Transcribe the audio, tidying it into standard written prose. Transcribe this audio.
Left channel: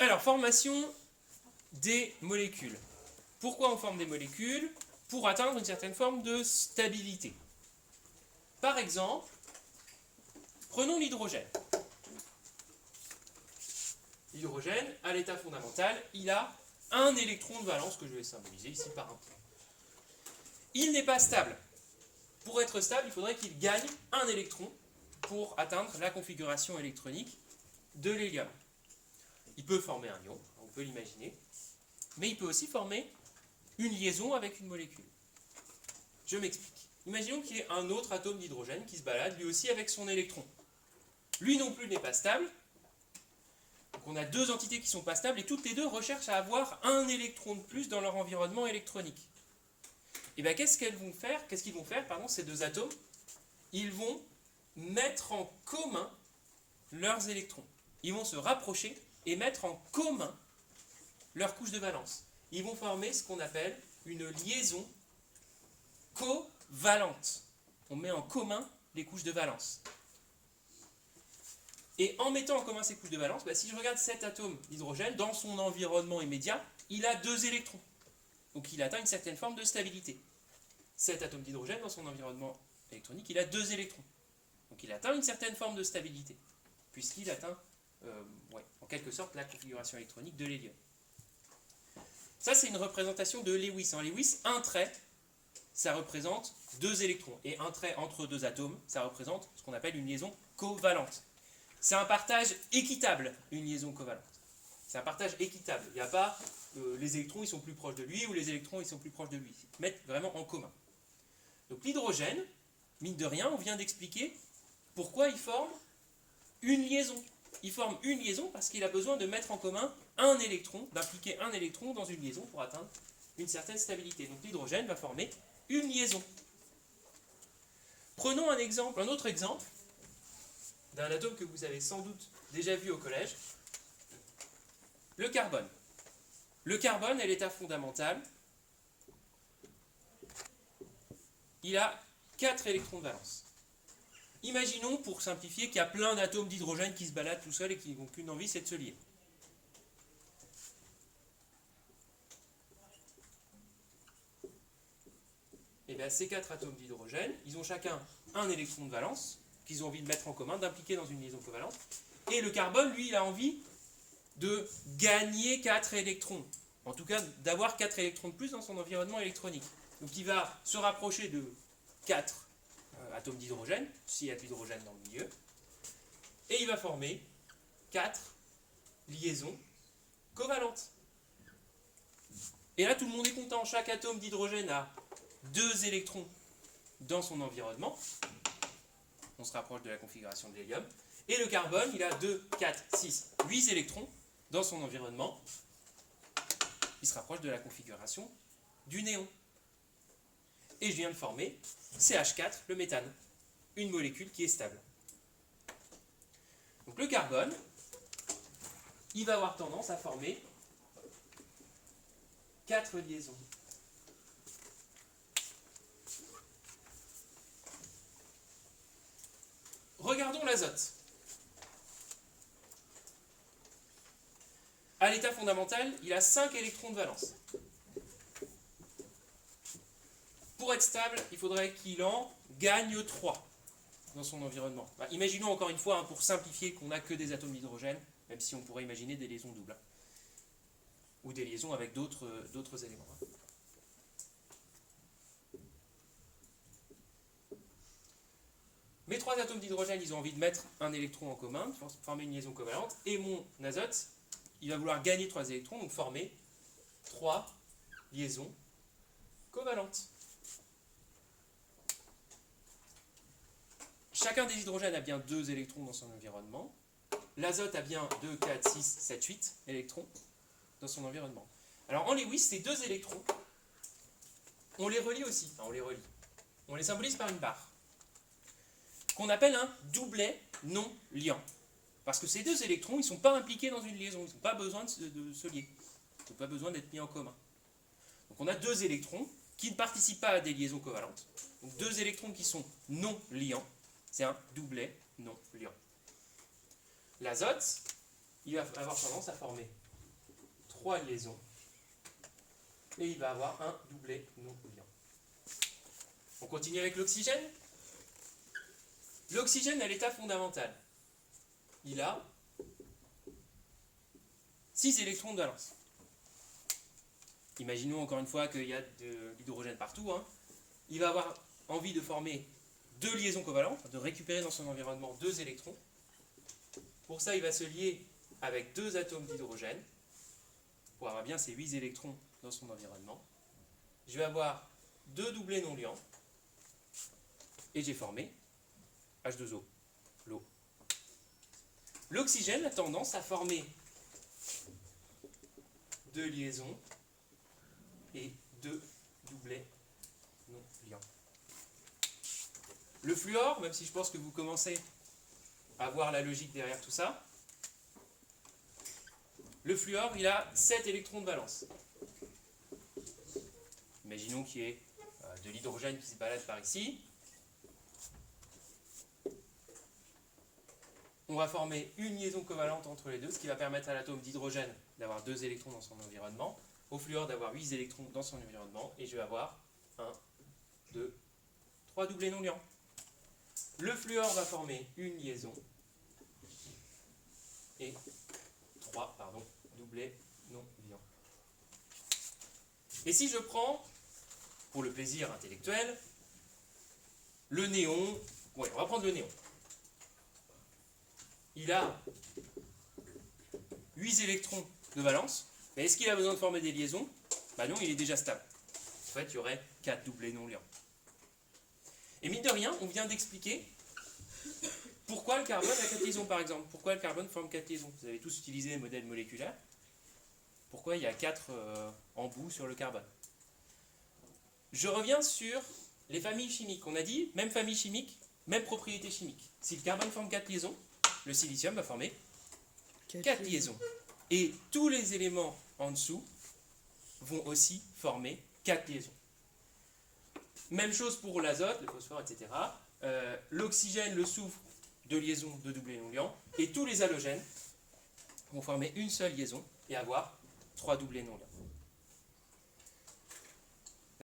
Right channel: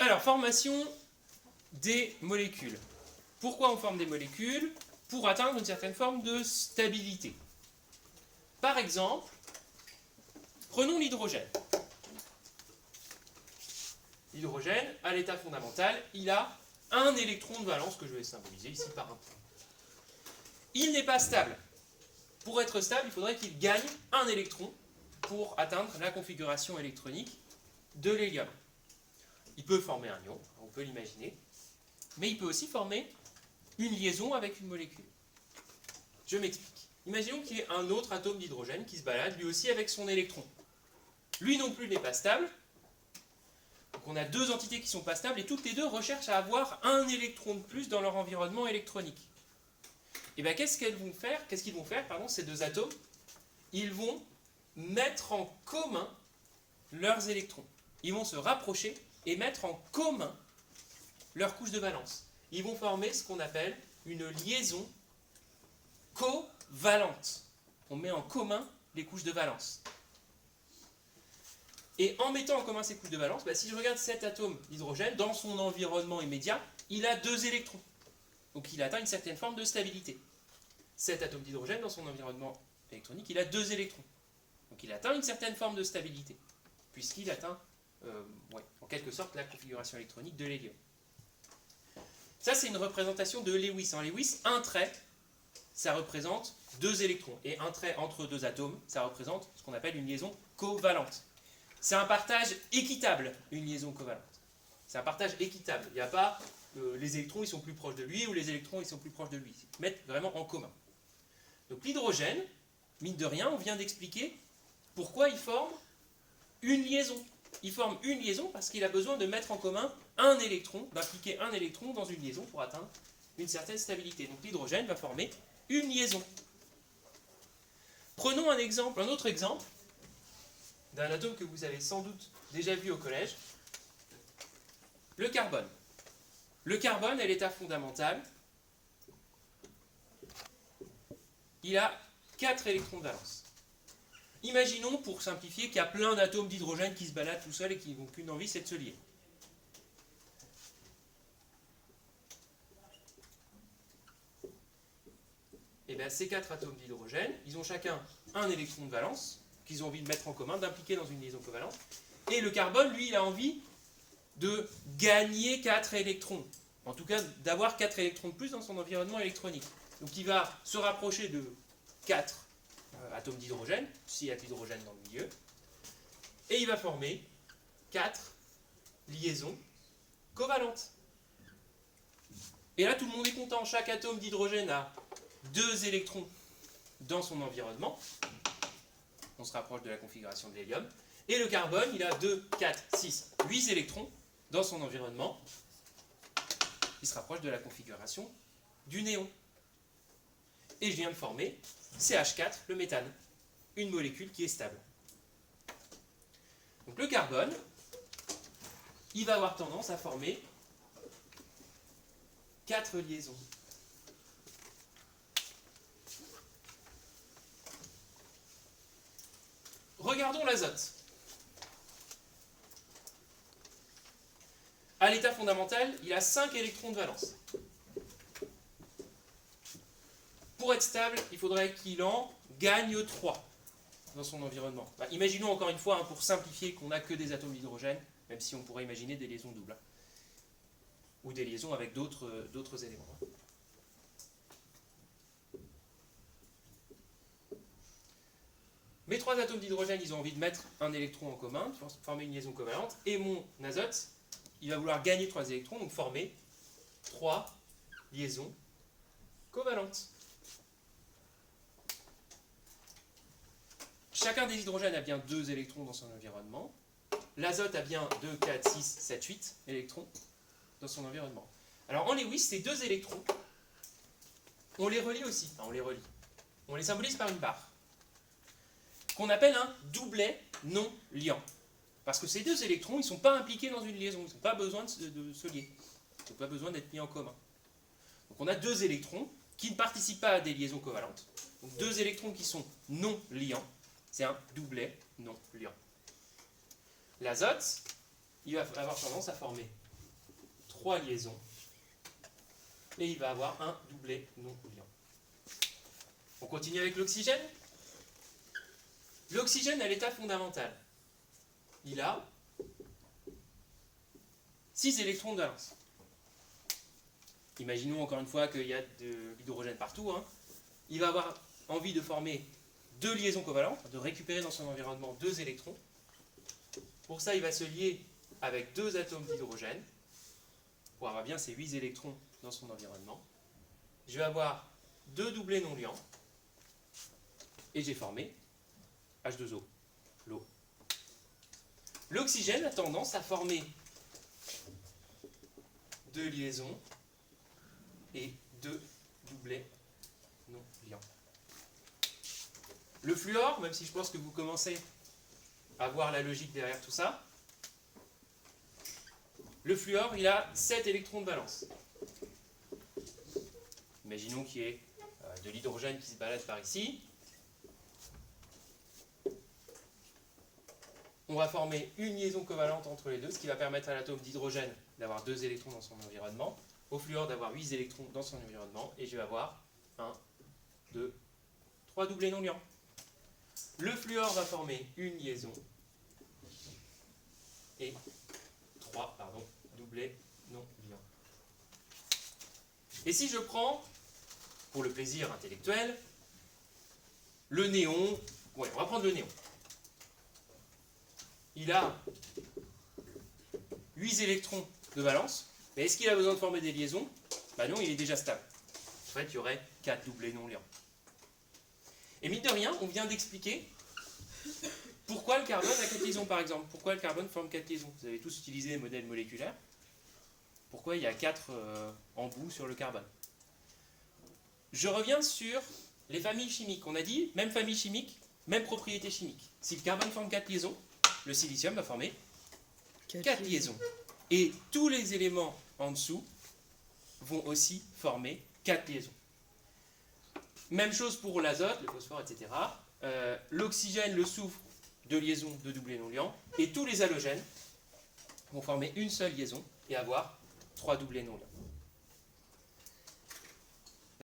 Alors, formation des molécules. Pourquoi on forme des molécules? Pour atteindre une certaine forme de stabilité. Par exemple, prenons l'hydrogène. L'hydrogène, à l'état fondamental, il a un électron de valence que je vais symboliser ici par un point. Il n'est pas stable. Pour être stable, il faudrait qu'il gagne un électron pour atteindre la configuration électronique de l'hélium. Il peut former un ion, on peut l'imaginer, mais il peut aussi former une liaison avec une molécule. Je m'explique. Imaginons qu'il y ait un autre atome d'hydrogène qui se balade lui aussi avec son électron. Lui non plus n'est pas stable. Donc on a deux entités qui ne sont pas stables et toutes les deux recherchent à avoir un électron de plus dans leur environnement électronique. Et bien qu'est-ce qu'ils vont faire, ces deux atomes? Ils vont mettre en commun leurs électrons. Ils vont se rapprocher et mettre en commun leurs couches de valence. Ils vont former ce qu'on appelle une liaison covalente. On met en commun les couches de valence. Et en mettant en commun ces couches de valence, si je regarde cet atome d'hydrogène, dans son environnement immédiat, il a deux électrons. Donc il atteint une certaine forme de stabilité. Cet atome d'hydrogène, dans son environnement électronique, il a deux électrons. Donc il atteint une certaine forme de stabilité, puisqu'il atteint, en quelque sorte, la configuration électronique de l'hélium. Ça, c'est une représentation de Lewis. En Lewis, un trait, ça représente deux électrons. Et un trait entre deux atomes, ça représente ce qu'on appelle une liaison covalente. C'est un partage équitable, une liaison covalente. C'est un partage équitable. Il n'y a pas les électrons ils sont plus proches de lui ou les électrons ils sont plus proches de lui. Ils mettent vraiment en commun. Donc l'hydrogène, mine de rien, on vient d'expliquer pourquoi il forme une liaison. Il forme une liaison parce qu'il a besoin de mettre en commun un électron, d'impliquer un électron dans une liaison pour atteindre une certaine stabilité. Donc l'hydrogène va former une liaison. Prenons un autre exemple d'un atome que vous avez sans doute déjà vu au collège, le carbone. Le carbone, à l'état fondamental, il a 4 électrons de valence. Imaginons, pour simplifier, qu'il y a plein d'atomes d'hydrogène qui se baladent tout seuls et qui n'ont qu'une envie, c'est de se lier. Et bien ces 4 atomes d'hydrogène, ils ont chacun un électron de valence qu'ils ont envie de mettre en commun, d'impliquer dans une liaison covalente. Et le carbone, lui, il a envie de gagner 4 électrons. En tout cas, d'avoir 4 électrons de plus dans son environnement électronique. Donc il va se rapprocher de 4 atomes d'hydrogène, s'il y a de l'hydrogène dans le milieu, et il va former 4 liaisons covalentes. Et là, tout le monde est content. Chaque atome d'hydrogène a 2 électrons dans son environnement. On se rapproche de la configuration de l'hélium. Et le carbone, il a 2, 4, 6, 8 électrons dans son environnement. Il se rapproche de la configuration du néon. Et je viens de former CH4, le méthane, une molécule qui est stable. Donc le carbone, il va avoir tendance à former 4 liaisons. Regardons l'azote. À l'état fondamental, il a 5 électrons de valence. Pour être stable, il faudrait qu'il en gagne 3 dans son environnement. Imaginons encore une fois, pour simplifier, qu'on n'a que des atomes d'hydrogène, même si on pourrait imaginer des liaisons doubles. Ou des liaisons avec d'autres éléments. Mes 3 atomes d'hydrogène, ils ont envie de mettre un électron en commun, former une liaison covalente, et mon azote, il va vouloir gagner 3 électrons, donc former 3 liaisons covalentes. Chacun des hydrogènes a bien 2 électrons dans son environnement. L'azote a bien 2, 4, 6, 7, 8 électrons dans son environnement. Alors en Lewis, ces 2 électrons, on les relie aussi. Enfin, on les symbolise par une barre, qu'on appelle un doublet non liant. Parce que ces 2 électrons, ils ne sont pas impliqués dans une liaison, ils n'ont pas besoin de se lier. Ils n'ont pas besoin d'être mis en commun. Donc on a 2 électrons qui ne participent pas à des liaisons covalentes. Donc 2 électrons qui sont non liants. C'est un doublet non liant. L'azote, il va avoir tendance à former 3 liaisons. Et il va avoir un doublet non-liant. On continue avec l'oxygène. L'oxygène à l'état fondamental, il a 6 électrons de valence. Imaginons encore une fois qu'il y a de l'hydrogène partout. Hein. Il va avoir envie de former 2 liaisons covalentes, de récupérer dans son environnement 2 électrons. Pour ça, il va se lier avec 2 atomes d'hydrogène, pour avoir bien ces 8 électrons dans son environnement. Je vais avoir 2 doublets non liants, et j'ai formé H2O, l'eau. L'oxygène a tendance à former 2 liaisons et 2 doublets non liants. Le fluor, même si je pense que vous commencez à voir la logique derrière tout ça, le fluor, il a 7 électrons de valence. Imaginons qu'il y ait de l'hydrogène qui se balade par ici. On va former une liaison covalente entre les deux, ce qui va permettre à l'atome d'hydrogène d'avoir 2 électrons dans son environnement, au fluor d'avoir 8 électrons dans son environnement, et je vais avoir 1, 2, 3 doublets non liants. Le fluor va former une liaison et 3 doublets non liants. Et si je prends, pour le plaisir intellectuel, le néon, ouais, on va prendre le néon. Il a 8 électrons de valence. Et est-ce qu'il a besoin de former des liaisons? Ben non, il est déjà stable. En fait, il y aurait 4 doublets non liants. Et mine de rien, on vient d'expliquer pourquoi le carbone a 4 liaisons, par exemple. Pourquoi le carbone forme 4 liaisons. Vous avez tous utilisé les modèles moléculaires. Pourquoi il y a 4 embouts sur le carbone. Je reviens sur les familles chimiques. On a dit, même famille chimique, même propriété chimique. Si le carbone forme 4 liaisons, le silicium va former 4 liaisons. Et tous les éléments en dessous vont aussi former 4 liaisons. Même chose pour l'azote, le phosphore, etc. L'oxygène, le soufre, 2 liaisons de doublets non liants. Et tous les halogènes vont former une seule liaison et avoir 3 doublets non liants.